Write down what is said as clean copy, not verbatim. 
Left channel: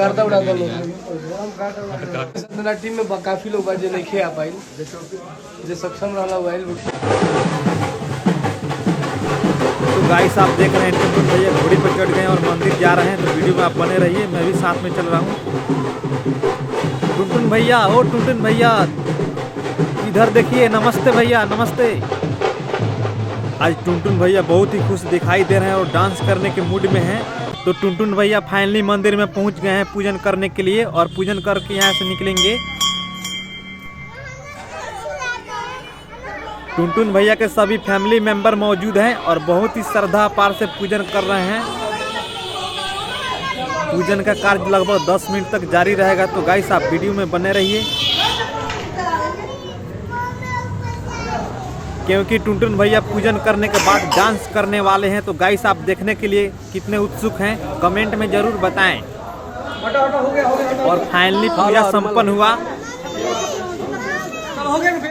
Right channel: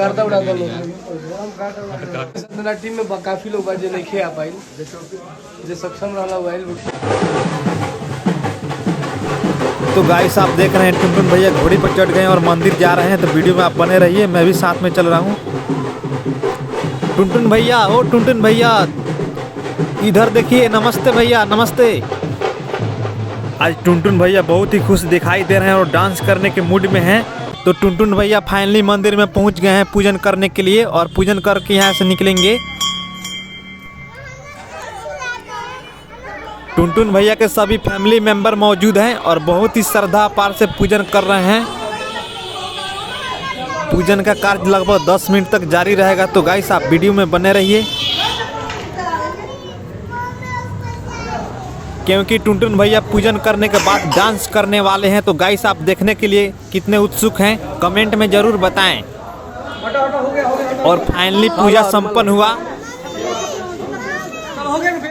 गर्दा उड़ा दो लोग टीम में काफी लोग बाजे नहीं खे आ पाइल जे सक्षम रहला वाइल। तो गाइस आप देख रहे हैं टुनटुन भैया घोड़ी पर चढ़ गए और मंदिर जा रहे हैं, तो वीडियो में आप बने रहिए, मैं भी साथ में चल रहा हूँ। टुनटुन भैया, ओ टुनटुन भैया इधर देखिए, नमस्ते भैया नमस्ते। आज टुनटुन भैया बहुत ही खुश दिखाई दे रहे हैं और डांस करने के मूड में हैं। तो टुनटुन भैया फाइनली मंदिर में पहुंच गए हैं पूजन करने के लिए, और पूजन करके यहाँ से निकलेंगे। टुनटुन भैया के सभी फैमिली मेंबर मौजूद हैं और बहुत ही श्रद्धा पार से पूजन कर रहे हैं। पूजन का कार्य लगभग 10 मिनट तक जारी रहेगा, तो गाइस आप वीडियो में बने रहिए, क्योंकि टुनटुन भैया पूजन करने के बाद डांस करने वाले हैं। तो गाइस आप देखने के लिए कितने उत्सुक हैं कमेंट में ज़रूर बताएं। और फाइनली पूजा संपन्न हुआ।